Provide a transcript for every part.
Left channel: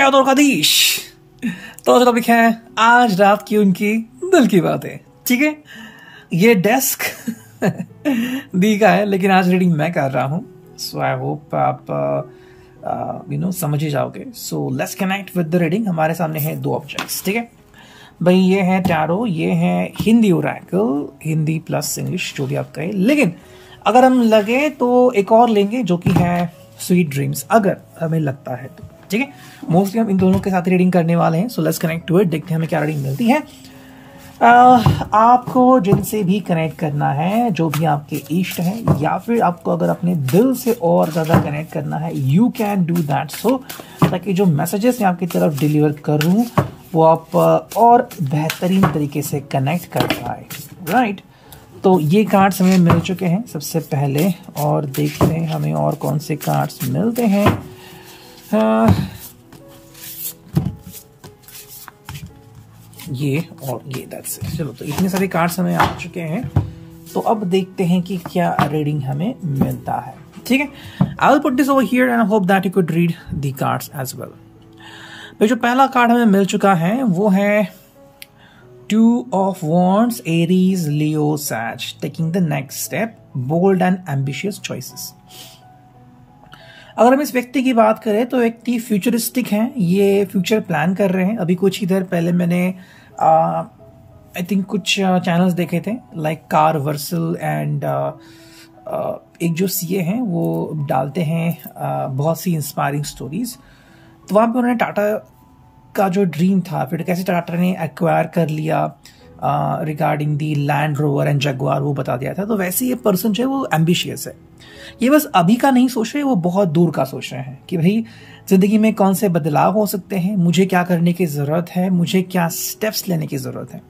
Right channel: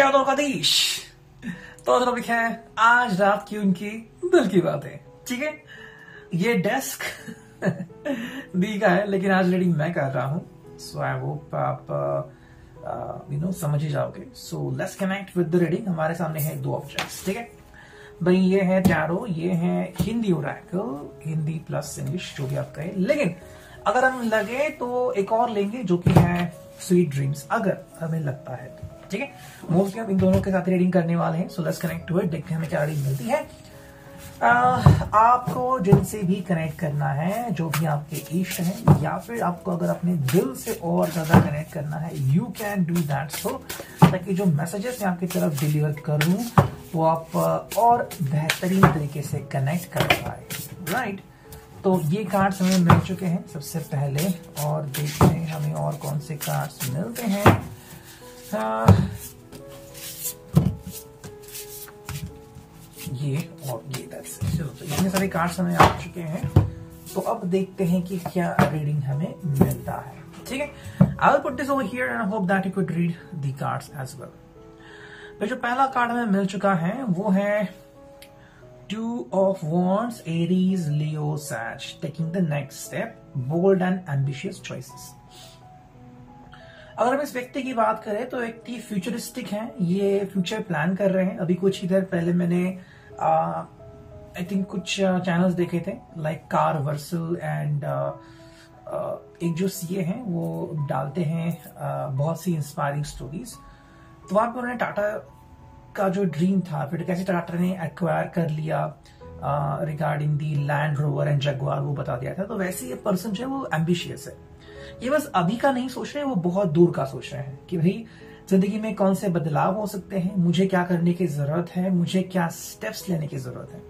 शायद और कदीश। तो जो टॉपिक है आज रात की उनकी दिल की बातें। ठीक है, ये डेस्क दी का है लेकिन आज रीडिंग मैं कर रहा हूं, सो आई होप आप समझ ही जाओगे। सो let's connect with the reading. हमारे सामने है दो ऑब्जेक्ट्स। ठीक है भाई, ये है टैरो, ये है Hindi Oracle, Hindi plus English जो भी आप कहें, लेकिन अगर हम लगे तो एक और लेंगे जो कि है स्वीट ड्रीम्स, अगर हमें लगता है तो। ठीक है, मोस्टली हम इन दोनों के साथ रीडिंग करने वाले हैं। So let's connect to it, देखते हैं हमें क्या रीडिंग मिलती है। आपको जिनसे भी कनेक्ट करना है, जो भी आपके इष्ट हैं, या फिर आपको अगर अपने दिल से और ज्यादा कनेक्ट करना है, यू कैन डू दैट। सो ताकि जो मैसेजेस मैं आपकी तरफ डिलीवर करूं वो आप और बेहतरीन तरीके से कनेक्ट कर पाए। राइट, तो ये कार्ड्स हमें मिल चुके हैं सबसे पहले, और देखते हैं हमें और कौन से कार्ड्स मिलते हैं। ये और ये, दैट्स इट। चलो, तो इतने सारे कार्ड्स हमें आ चुके हैं, तो अब देखते हैं कि क्या रीडिंग हमें मिलता है। ठीक है, I will put this over here and I hope that you could read the cards as well. तो जो पहला कार्ड हमें मिल चुका है वो है Two of Wands, Aries, Leo, Sag, taking the next step, bold and ambitious choices. अगर हम इस व्यक्ति की बात करें तो व्यक्ति फ्यूचरिस्टिक है, ये फ्यूचर प्लान कर रहे हैं। अभी कुछ ही देर पहले मैंने आई थिंक कुछ चैनल्स देखे थे, लाइक कार वर्सल एंड एक जो सीए हैं वो डालते हैं बहुत सी इंस्पायरिंग स्टोरीज। तो वहाँ पे उन्होंने टाटा का जो ड्रीम था, फिर कैसे टाटा ने एक्वायर कर लिया regarding the land rover and Jaguar, वो बता दिया था। तो वैसे ये पर्सन जो है वो एम्बिशियस है, ये बस अभी का नहीं सोच रहे, वो बहुत दूर का सोच रहे हैं कि भाई जिंदगी में कौन से बदलाव हो सकते हैं, मुझे क्या करने की जरूरत है, मुझे क्या स्टेप्स लेने की जरूरत है।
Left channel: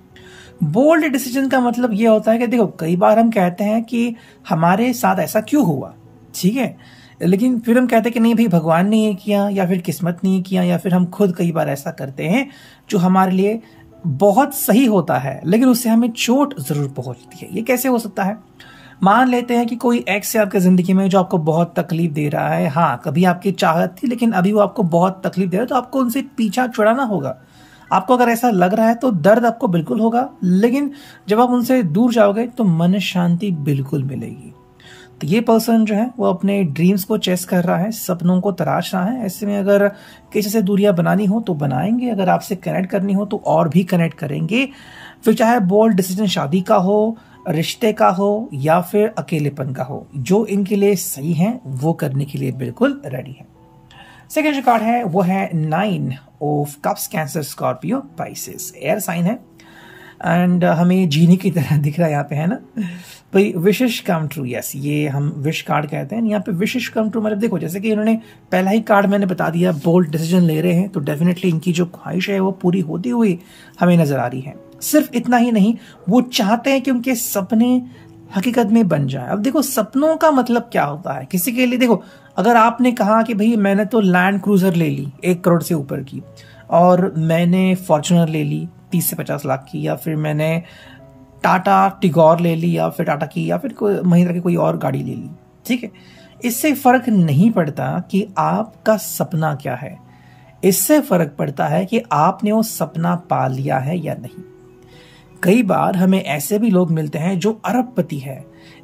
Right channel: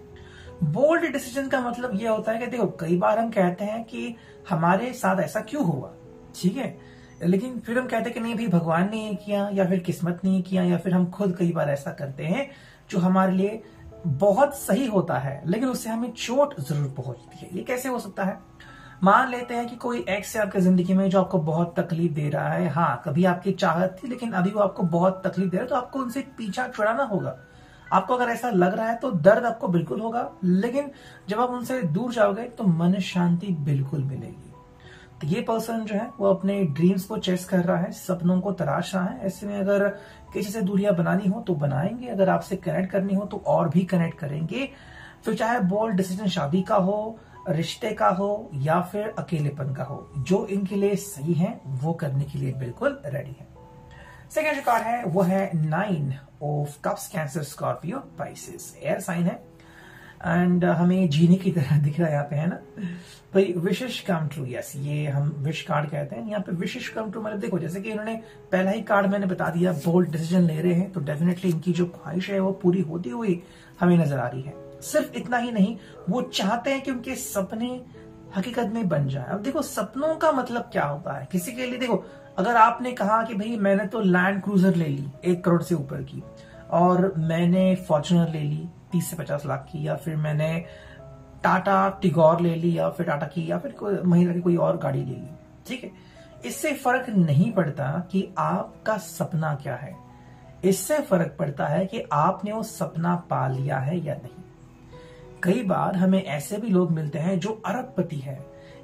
बोल्ड डिसीजन का मतलब ये होता है कि देखो, कई बार हम कहते हैं कि हमारे साथ ऐसा क्यों हुआ, ठीक है, लेकिन फिर हम कहते हैं कि नहीं भाई भगवान ने ये किया, या फिर किस्मत ने ये किया, या फिर हम खुद कई बार ऐसा करते हैं जो हमारे लिए बहुत सही होता है लेकिन उससे हमें चोट जरूर पहुंचती है। ये कैसे हो सकता है? मान लेते हैं कि कोई एक्स है आपकी जिंदगी में जो आपको बहुत तकलीफ दे रहा है। हाँ, कभी आपकी चाहत थी लेकिन अभी वो आपको बहुत तकलीफ दे रहा है, तो आपको उनसे पीछा छुड़ाना होगा। आपको अगर ऐसा लग रहा है तो दर्द आपको बिल्कुल होगा, लेकिन जब आप उनसे दूर जाओगे तो मन शांति बिल्कुल मिलेगी। तो ये पर्सन जो है वो अपने ड्रीम्स को चेस कर रहा है, सपनों को तराश रहा है। ऐसे में अगर किसी से दूरियां बनानी हो तो बनाएंगे, अगर आपसे कनेक्ट करनी हो तो और भी कनेक्ट करेंगे। फिर चाहे बोल्ड डिसीजन शादी का हो, रिश्ते का हो, या फिर अकेलेपन का हो, जो इनके लिए सही है वो करने के लिए बिल्कुल रेडी है। सेकेंड जो कार्ड है वो है 9 of cups, Cancer, Scorpio, Pisces, air sign है एंड हमें जीनी की तरह दिख रहा है यहाँ पे, है ना भाई। विशेष कम ट्रू, यस, ये हम विश कार्ड कहते हैं। यहाँ पे विशेष कम ट्रू मतलब देखो, जैसे कि इन्होंने पहला ही कार्ड मैंने बता दिया, बोल्ड डिसीजन ले रहे हैं, तो डेफिनेटली इनकी जो ख्वाहिश है वो पूरी होती हुई हमें नजर आ रही है। सिर्फ इतना ही नहीं, वो चाहते हैं कि उनके सपने हकीकत में बन जाए। अब देखो, सपनों का मतलब क्या होता है किसी के लिए। देखो, अगर आपने कहा कि भाई मैंने तो लैंड क्रूजर ले ली 1 करोड़ से ऊपर की, और मैंने फॉर्च्यूनर ले ली 30 से 50 लाख की, या फिर मैंने टाटा टिगोर ले ली, या फिर टाटा की, या फिर महिंद्रा की कोई और गाड़ी ले ली, ठीक है, इससे फर्क नहीं पड़ता कि आपका सपना क्या है। इससे फर्क पड़ता है कि आपने वो सपना पा लिया है या नहीं। कई बार हमें ऐसे भी लोग मिलते हैं जो अरबपति है,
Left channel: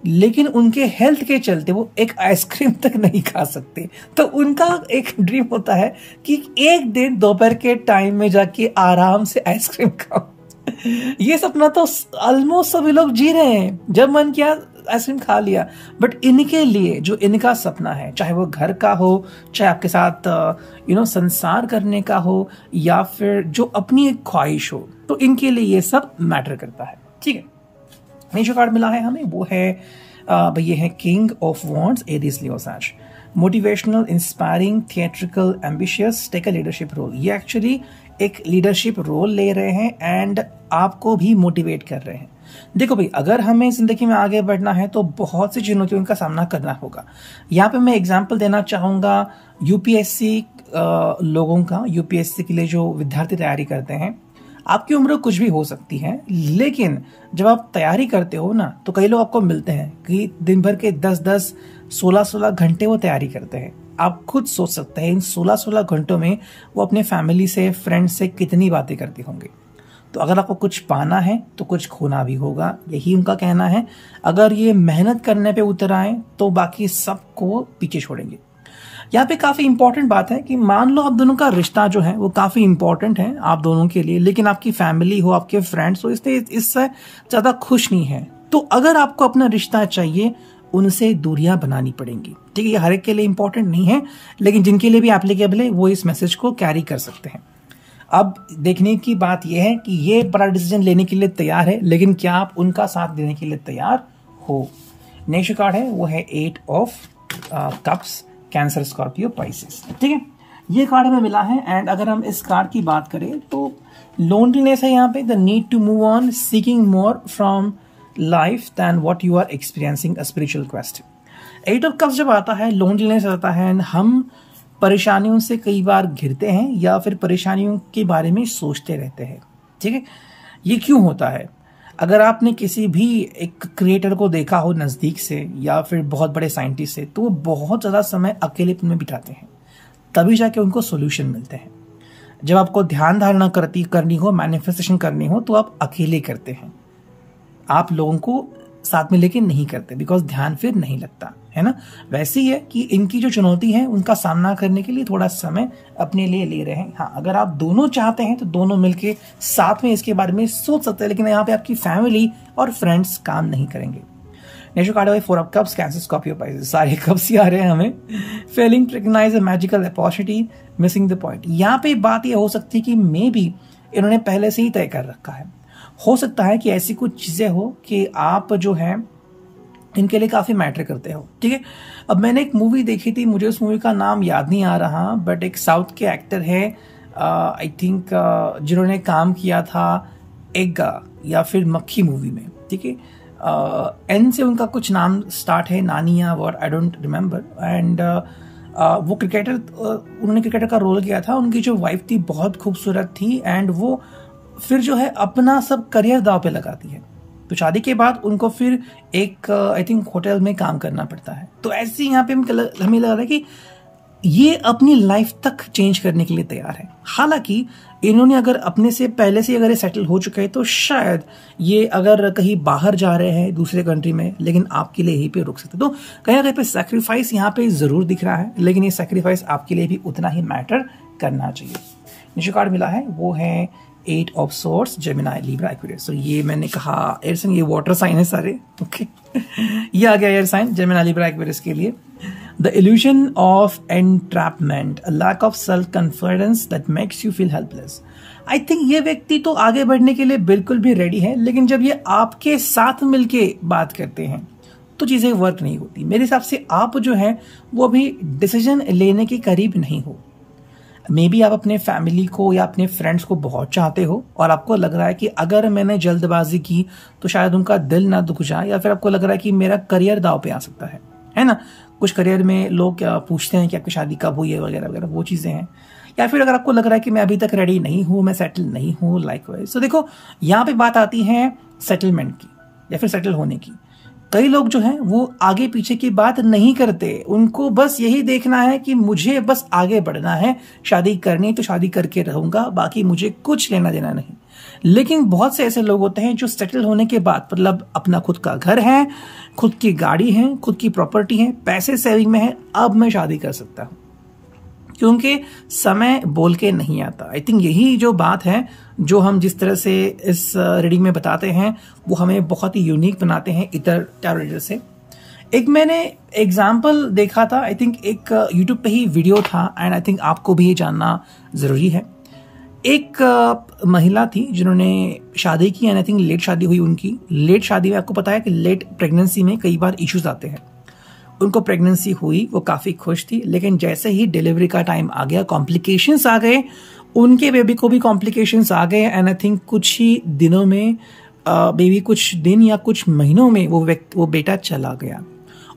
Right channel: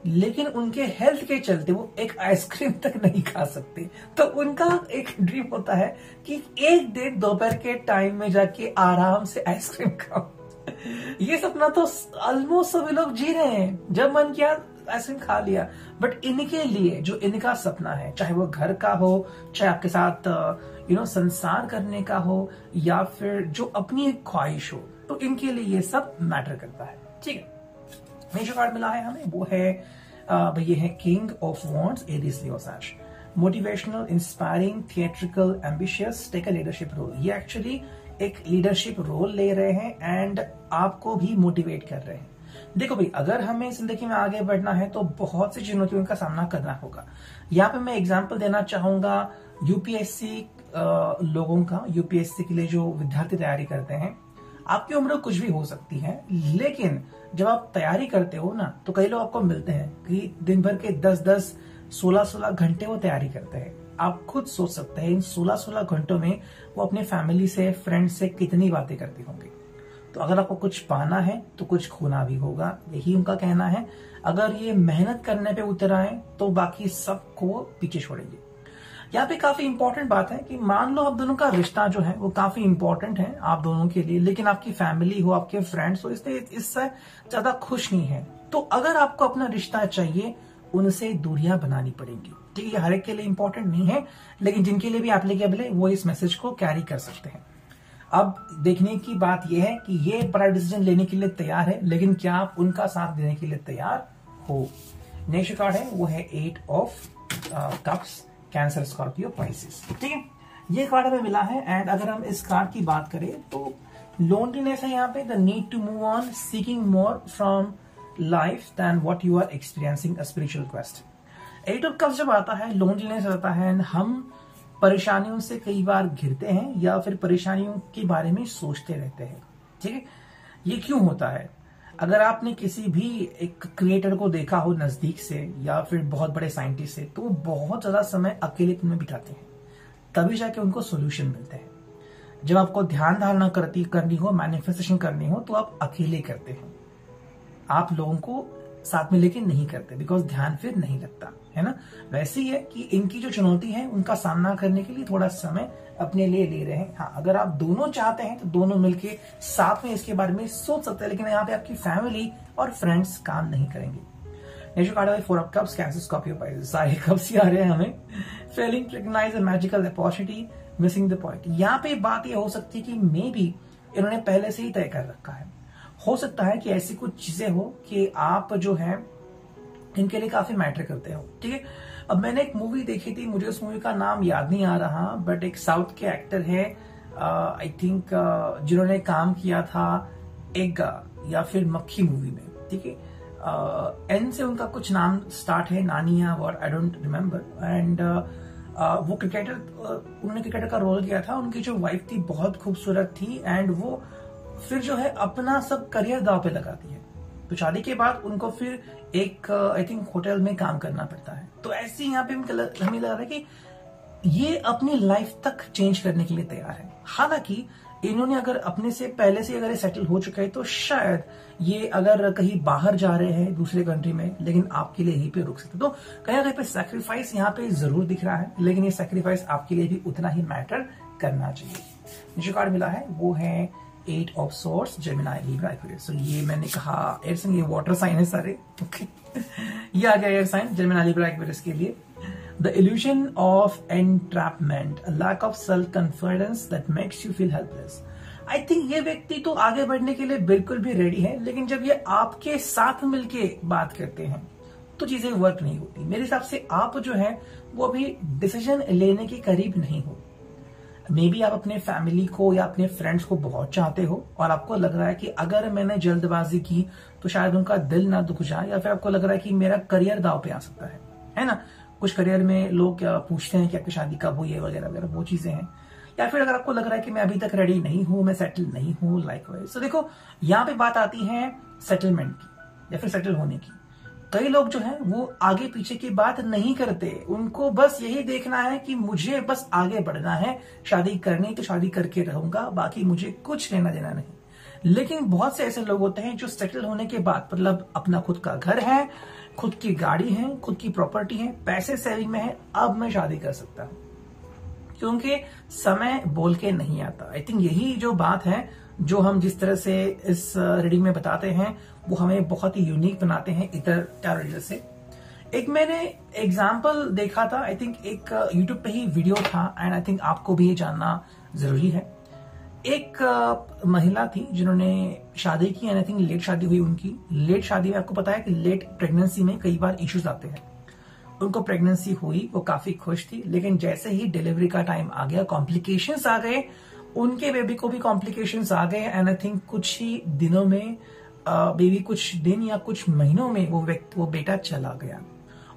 लेकिन उनके हेल्थ के चलते वो एक आइसक्रीम तक नहीं खा सकते। तो उनका एक ड्रीम होता है कि एक दिन दोपहर के टाइम में जाके आराम से आइसक्रीम खाओ। ये सपना तो ऑलमोस्ट सभी लोग जी रहे हैं, जब मन किया आइसक्रीम खा लिया। बट इनके लिए जो इनका सपना है, चाहे वो घर का हो, चाहे आपके साथ संसार करने का हो, या फिर जो अपनी एक ख्वाहिश हो, तो इनके लिए ये सब मैटर करता है। ठीक है, ये जो कार्ड मिला है हमें वो है भाई, ये है king of wands, Aries, Leo, Sag. Motivational, inspiring, theatrical, ambitious, take a leadership role. ये एक्चुअली एक लीडरशिप रोल ले रहे हैं एंड आपको भी मोटिवेट कर रहे हैं। देखो भाई, अगर हमें जिंदगी में आगे बढ़ना है तो बहुत सी चुनौतियों का सामना करना होगा। यहाँ पे मैं एग्जांपल देना चाहूंगा यूपीएससी लोगों का, यूपीएससी के लिए जो विद्यार्थी तैयारी करते हैं। आपकी उम्र कुछ भी हो सकती है, लेकिन जब आप तैयारी करते हो ना, तो कई लोग आपको मिलते हैं कि दिन भर के 10-10, 16-16 घंटे वो तैयारी करते हैं। आप खुद सोच सकते हैं इन 16-16 घंटों में वो अपने फैमिली से, फ्रेंड्स से कितनी बातें करते होंगे। तो अगर आपको कुछ पाना है तो कुछ खोना भी होगा, यही उनका कहना है। अगर ये मेहनत करने पे उतर आए तो बाकी सबको पीछे छोड़ेंगे। यहाँ पे काफी इंपॉर्टेंट बात है कि मान लो आप दोनों का रिश्ता जो है वो काफी इंपॉर्टेंट है आप दोनों के लिए, लेकिन आपकी फैमिली हो, आपके फ्रेंड्स हो, इससे ज्यादा खुश नहीं है। तो अगर आपको अपना रिश्ता चाहिए, उनसे दूरियां बनानी पड़ेंगी। ठीक है, ये हर एक के लिए इंपॉर्टेंट नहीं है, लेकिन जिनके लिए भी एप्लीकेबल है वो इस मैसेज को कैरी कर सकते हैं। अब देखने की बात यह है कि ये बड़ा डिसीजन लेने के लिए तैयार है, लेकिन क्या आप उनका साथ देने के लिए तैयार हो। नेक्स्ट कार्ड है वो है 8 of cups, Cancer, Scorpio, Pisces. ठीक है, ये कार्ड हमें मिला है। एंड अगर हम इस कार्ड की बात करें तो लोनलीनेस है यहाँ पे, the need to move on, seeking more from life than what you are experiencing, a spiritual quest. 8 of cups जब आता है, लोनलीनेस आता है, हम परेशानियों से कई बार घिरते हैं या फिर परेशानियों के बारे में सोचते रहते हैं। ठीक है, ये क्यों होता है? अगर आपने किसी भी एक क्रिएटर को देखा हो नजदीक से या फिर बहुत बड़े साइंटिस्ट से, तो वो बहुत ज्यादा समय अकेलेपन में बिताते हैं, तभी जाके उनको सॉल्यूशन मिलते हैं। जब आपको ध्यान धारणा करनी हो, मैनिफेस्टेशन करनी हो, तो आप अकेले करते हैं, आप लोगों को साथ में लेके नहीं करते, बिकॉज ध्यान फिर नहीं लगता है ना। वैसे ही है कि इनकी जो चुनौती है उनका सामना करने के लिए थोड़ा समय अपने लिए ले रहे हैं। हाँ, अगर आप दोनों चाहते हैं तो दोनों मिलके साथ में इसके बारे में सोच सकते हैं, लेकिन यहाँ पे आपकी फैमिली और फ्रेंड्स काम नहीं करेंगे। नेक्स्ट कार्ड है 4 of cups, Cancer, Scorpio, Pisces. सारे कप्स ही आ रहे हैं हमें। Failing to recognise a magical opportunity, missing the point. यहाँ पे बात यह हो सकती है कि मे बी इन्होंने पहले से ही तय कर रखा है। हो सकता है कि ऐसी कुछ चीजें हो कि आप जो है इनके लिए काफी मैटर करते हो। ठीक है, अब मैंने एक मूवी देखी थी, मुझे उस मूवी का नाम याद नहीं आ रहा, बट एक साउथ के एक्टर है आई थिंक जिन्होंने काम किया था एग्गा या फिर मक्खी मूवी में। ठीक है, एन से उनका कुछ नाम स्टार्ट है, नानिया और आई डोंट रिमेम्बर। एंड वो उन्होंने क्रिकेटर का रोल किया था। उनकी जो वाइफ थी बहुत खूबसूरत थी, एंड वो फिर जो है अपना सब करियर दांव पे लगाती है। तो शादी के बाद उनको फिर एक आई थिंक होटल में काम करना पड़ता है। तो ऐसे यहाँ पे हमें लग रहा है कि ये अपनी लाइफ तक चेंज करने के लिए तैयार है। हालांकि इन्होंने अगर अपने से पहले से अगर ये सेटल हो चुके हैं तो शायद ये अगर कहीं बाहर जा रहे हैं दूसरे कंट्री में, लेकिन आपके लिए यहीं पे रुक सकते। तो कहीं ना कहीं पे सैक्रिफाइस यहाँ पे जरूर दिख रहा है, लेकिन ये सैक्रिफाइस आपके लिए भी उतना ही मैटर करना चाहिए। नीचे कार्ड मिला है वो है 8 of swords, Gemini, Libra, Aquarius. तो ये मैंने कहा एयर साइन, ये वाटर साइन है सारे। ओके, ये आ गया air sign, Gemini, Libra, Aquarius के लिए। The illusion of entrapment, a lack of self confidence that makes you feel helpless. I think ये व्यक्ति तो आगे बढ़ने के लिए बिल्कुल भी रेडी है, लेकिन जब ये आपके साथ मिलके बात करते हैं तो चीजें वर्क नहीं होती। मेरे हिसाब से आप जो है वो अभी डिसीजन लेने के करीब नहीं हो। मे बी आप अपने फैमिली को या अपने फ्रेंड्स को बहुत चाहते हो और आपको लग रहा है कि अगर मैंने जल्दबाजी की तो शायद उनका दिल ना दुख जाए, या फिर आपको लग रहा है कि मेरा करियर दांव पे आ सकता है ना। कुछ करियर में लोग पूछते हैं कि आपकी शादी कब हुई है वगैरह वगैरह, वो चीजें हैं। या फिर अगर आपको लग रहा है कि मैं अभी तक रेडी नहीं हूं, मैं सेटल नहीं हूं, लाइकवाइज। तो देखो यहाँ पे बात आती है सेटलमेंट की या फिर सेटल होने की। कई लोग जो हैं वो आगे पीछे की बात नहीं करते, उनको बस यही देखना है कि मुझे बस आगे बढ़ना है, शादी करनी तो शादी करके रहूंगा, बाकी मुझे कुछ लेना देना नहीं। लेकिन बहुत से ऐसे लोग होते हैं जो सेटल होने के बाद, मतलब अपना खुद का घर है, खुद की गाड़ी है, खुद की प्रॉपर्टी है, पैसे सेविंग में है, अब मैं शादी कर सकता हूं, क्योंकि समय बोल के नहीं आता। आई थिंक यही जो बात है जो हम जिस तरह से इस रीडिंग में बताते हैं वो हमें बहुत ही यूनिक बनाते हैं इतर टैरो रीडर से। एक मैंने एग्जाम्पल देखा था, आई थिंक एक यूट्यूब पे ही वीडियो था, एंड आई थिंक आपको भी ये जानना जरूरी है। एक महिला थी जिन्होंने शादी की, एंड आई थिंक लेट शादी हुई उनकी। लेट शादी में आपको पता है कि लेट प्रेगनेंसी में कई बार इश्यूज आते हैं। उनको प्रेगनेंसी हुई, वो काफी खुश थी, लेकिन जैसे ही डिलीवरी का टाइम आ गया कॉम्प्लिकेशंस आ गए, उनके बेबी को भी कॉम्प्लिकेशंस आ गए, एंड आई थिंक कुछ ही दिनों में बेबी कुछ दिन या कुछ महीनों में वो बेटा चला गया।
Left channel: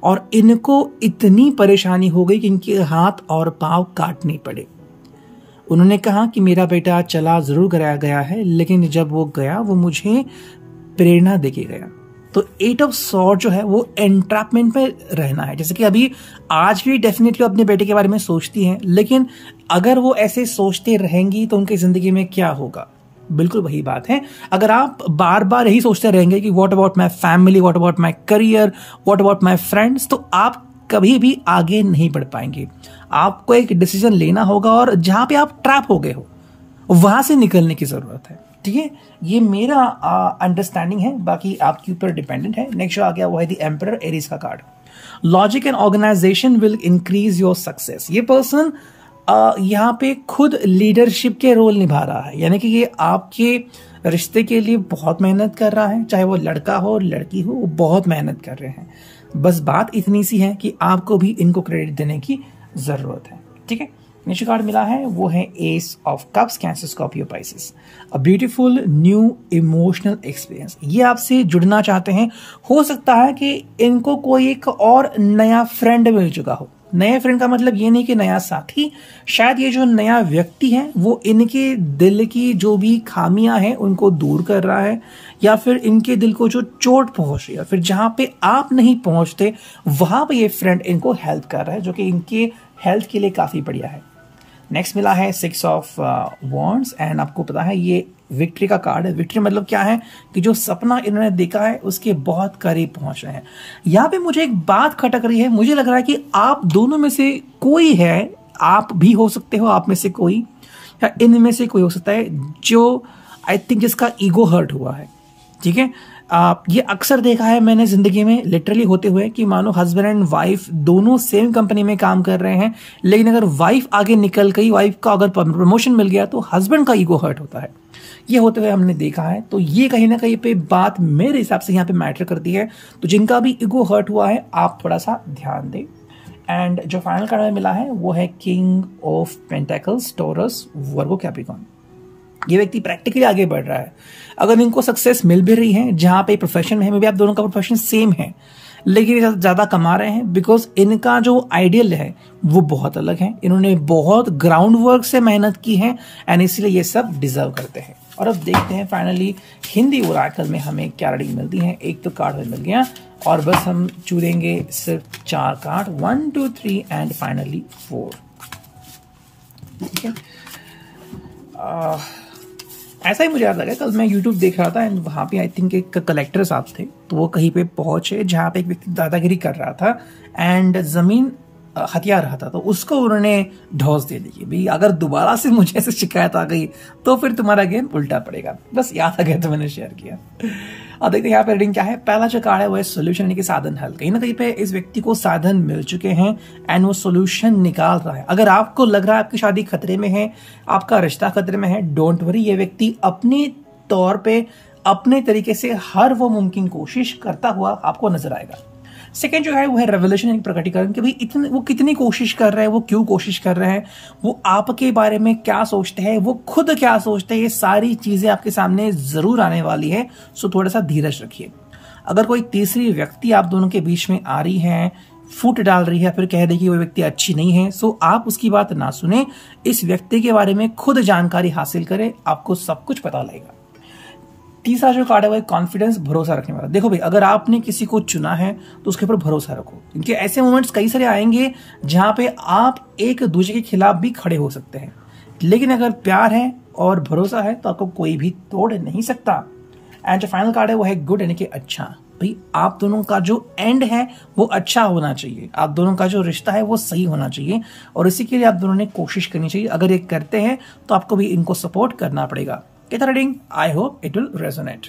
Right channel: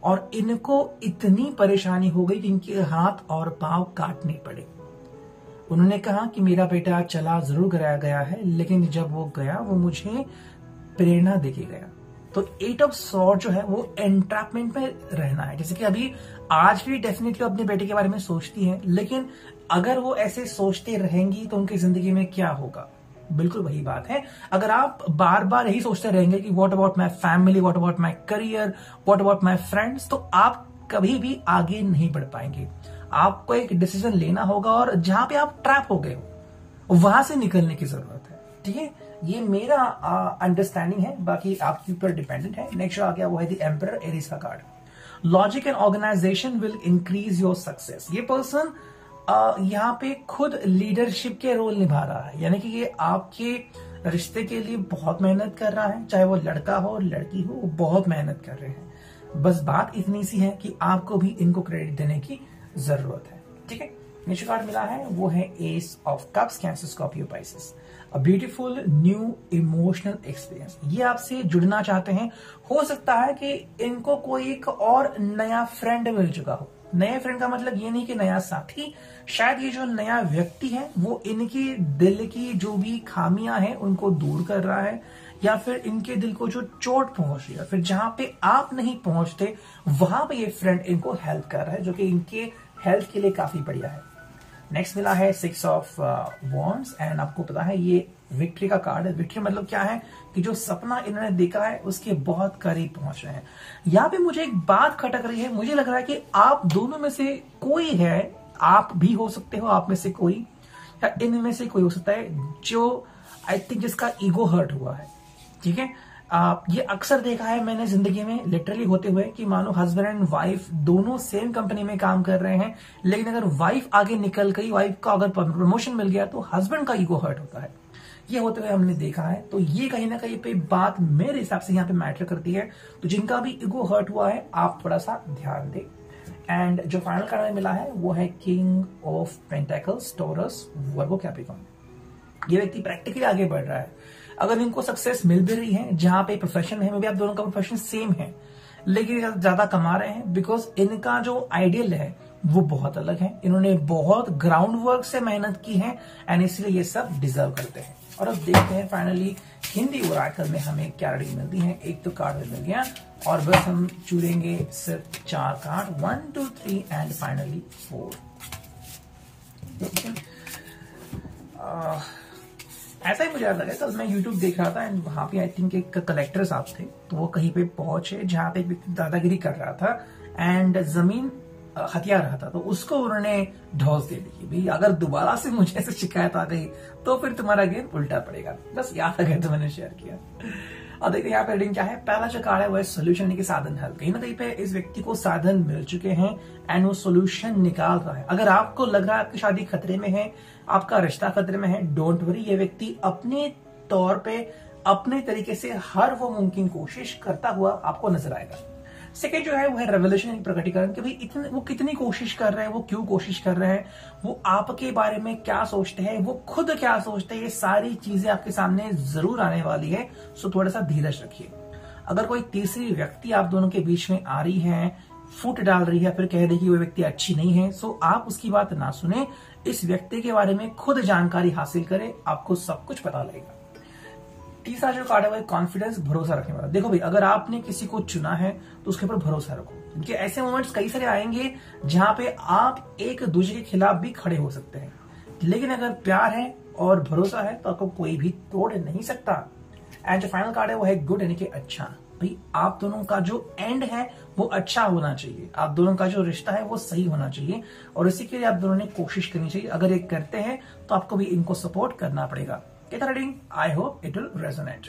और इनको इतनी परेशानी हो गई कि इनके हाथ और पांव काटने पड़े। उन्होंने कहा कि मेरा बेटा चला जरूर गया है, लेकिन जब वो गया वो मुझे प्रेरणा देके गया। तो 8 ऑफ सॉर्ड जो है वो एंट्रैपमेंट पे रहना है। जैसे कि अभी आज भी डेफिनेटली अपने बेटे के बारे में सोचती हैं, लेकिन अगर वो ऐसे सोचते रहेंगी तो उनकी जिंदगी में क्या होगा? बिल्कुल वही बात है। अगर आप बार बार यही सोचते रहेंगे कि what about my family, what about my career, what about my friends, तो आप कभी भी आगे नहीं बढ़ पाएंगे। आपको एक डिसीजन लेना होगा और जहां पे आप ट्रैप हो गए हो वहां से निकलने की जरूरत है। ठीक है, ये मेरा अंडरस्टैंडिंग है, बाकी आपके ऊपर डिपेंडेंट है। नेक्स्ट जो आ गया वो है द एम्परर, एरीज का कार्ड। Logic and organisation will increase your success. ये पर्सन यहाँ पे खुद लीडरशिप के रोल निभा रहा है, यानी कि ये आपके रिश्ते के लिए बहुत मेहनत कर रहा है। चाहे वो लड़का हो लड़की हो, वो बहुत मेहनत कर रहे हैं। बस बात इतनी सी है कि आपको भी इनको क्रेडिट देने की जरूरत है। ठीक है, नेक्स्ट कार्ड मिला है वो है S of cups, Cancer, Scorpio, Pisces. A beautiful new emotional experience. ये आपसे जुड़ना चाहते हैं। हो सकता है कि इनको कोई एक और नया फ्रेंड मिल चुका हो। नए फ्रेंड का मतलब ये नहीं कि नया साथी, शायद ये जो नया व्यक्ति है वो इनके दिल की जो भी खामियां हैं उनको दूर कर रहा है, या फिर इनके दिल को जो चोट पहुंच रही है, फिर जहां पे आप नहीं पहुंचते वहां पे ये फ्रेंड इनको हेल्प कर रहा है, जो कि इनके हेल्थ के लिए काफी बढ़िया है। नेक्स्ट मिला है 6 ऑफ वॉन्ड्स, एंड आपको पता है ये विक्ट्री का कार्ड है। विक्ट्री मतलब क्या है कि जो सपना इन्होंने देखा है उसके बहुत करीब पहुंच रहे हैं। यहाँ पे मुझे एक बात खटक रही है, मुझे लग रहा है कि आप दोनों में से कोई है, आप भी हो सकते हो, आप में से कोई, या इनमें से कोई हो सकता है जो आई थिंक जिसका ईगो हर्ट हुआ है। ठीक है, ये अक्सर देखा है मैंने जिंदगी में लिटरली होते हुए कि मानो हस्बैंड एंड वाइफ दोनों सेम कंपनी में काम कर रहे हैं, लेकिन अगर वाइफ आगे निकल गई, वाइफ का अगर प्रमोशन मिल गया तो हस्बैंड का ईगो हर्ट होता है। ये होते हुए हमने देखा है। तो ये कहीं ना कहीं पे बात मेरे हिसाब से यहाँ पे मैटर करती है। तो जिनका भी ईगो हर्ट हुआ है आप थोड़ा सा ध्यान दें। एंड जो फाइनल कार्ड में मिला है वो है king of pentacles, taurus, Virgo, Capricorn. ये व्यक्ति प्रैक्टिकली आगे बढ़ रहा है। अगर इनको सक्सेस मिल भी रही है, जहां पे प्रोफेशन में है, आप दोनों का प्रोफेशन सेम है, लेकिन ज्यादा कमा रहे हैं बिकॉज इनका जो आइडियल है वो बहुत अलग है। इन्होंने बहुत ग्राउंड वर्क से मेहनत की है एंड इसलिए ये सब डिजर्व करते हैं। और अब देखते हैं फाइनली हिंदी ओरेकल में हमें क्या रीडिंग मिलती है। एक तो कार्ड मिल गया और बस हम चुनेंगे सिर्फ 4 कार्ड, 1 2 3 एंड फाइनली 4। ठीक है, ऐसा ही मुझे याद लगा, कल मैं YouTube देख रहा था एंड वहां पे आई थिंक एक कलेक्टर साहब थे, तो वो कहीं पे पहुंचे जहां पे एक व्यक्ति दादागिरी कर रहा था एंड जमीन हथिया रहा था, तो उसको उन्होंने ढोस दे दी। भाई अगर दोबारा से मुझे ऐसे शिकायत आ गई तो फिर तुम्हारा गेम उल्टा पड़ेगा। बस याद आ गया तो मैंने शेयर किया। और देखते हैं यहाँ पे रीडिंग क्या है। पहला जो कार्ड है वो है सोल्यूशन, यानी कि साधन हल। कहीं ना कहीं पे इस व्यक्ति को साधन मिल चुके हैं एंड वो सोल्यूशन निकाल रहा है। अगर आपको लग रहा है आपकी शादी खतरे में है, आपका रिश्ता खतरे में है, डोंट वरी, ये व्यक्ति अपने तौर पे अपने तरीके से हर वो मुमकिन कोशिश करता हुआ आपको नजर आएगा। सेकेंड जो है वो है रेवलेशन, यानी प्रकटीकरण, कि भाई वो कितनी कोशिश कर रहे हैं, वो क्यों कोशिश कर रहे हैं, वो आपके बारे में क्या सोचते हैं, वो खुद क्या सोचते हैं, ये सारी चीजें आपके सामने जरूर आने वाली है। सो थोड़ा सा धीरज रखिए। अगर कोई तीसरी व्यक्ति आप दोनों के बीच में आ रही है, फुट डाल रही है, फिर कह रही कि वो व्यक्ति अच्छी नहीं है, सो आप उसकी बात ना सुने, इस व्यक्ति के बारे में खुद जानकारी हासिल करें, आपको सब कुछ पता लगेगा। तीसरा जो कार्ड है वो कॉन्फिडेंस, भरोसा रखने वाला। देखो भाई, अगर आपने किसी को चुना है तो उसके ऊपर भरोसा रखो, क्योंकि ऐसे मोमेंट्स कई सारे आएंगे जहां पे आप एक दूसरे के खिलाफ भी खड़े हो सकते हैं, लेकिन अगर प्यार है और भरोसा है तो आपको कोई भी तोड़ नहीं सकता। एंड जो फाइनल कार्ड है वो है गुड, यानी कि अच्छा। भाई आप दोनों का जो एंड है वो अच्छा होना चाहिए, आप दोनों का जो रिश्ता है वो सही होना चाहिए, और इसी के लिए आप दोनों ने कोशिश करनी चाहिए। अगर ये करते हैं तो आपको भी इनको सपोर्ट करना पड़ेगा। Reading, I hope it will resonate.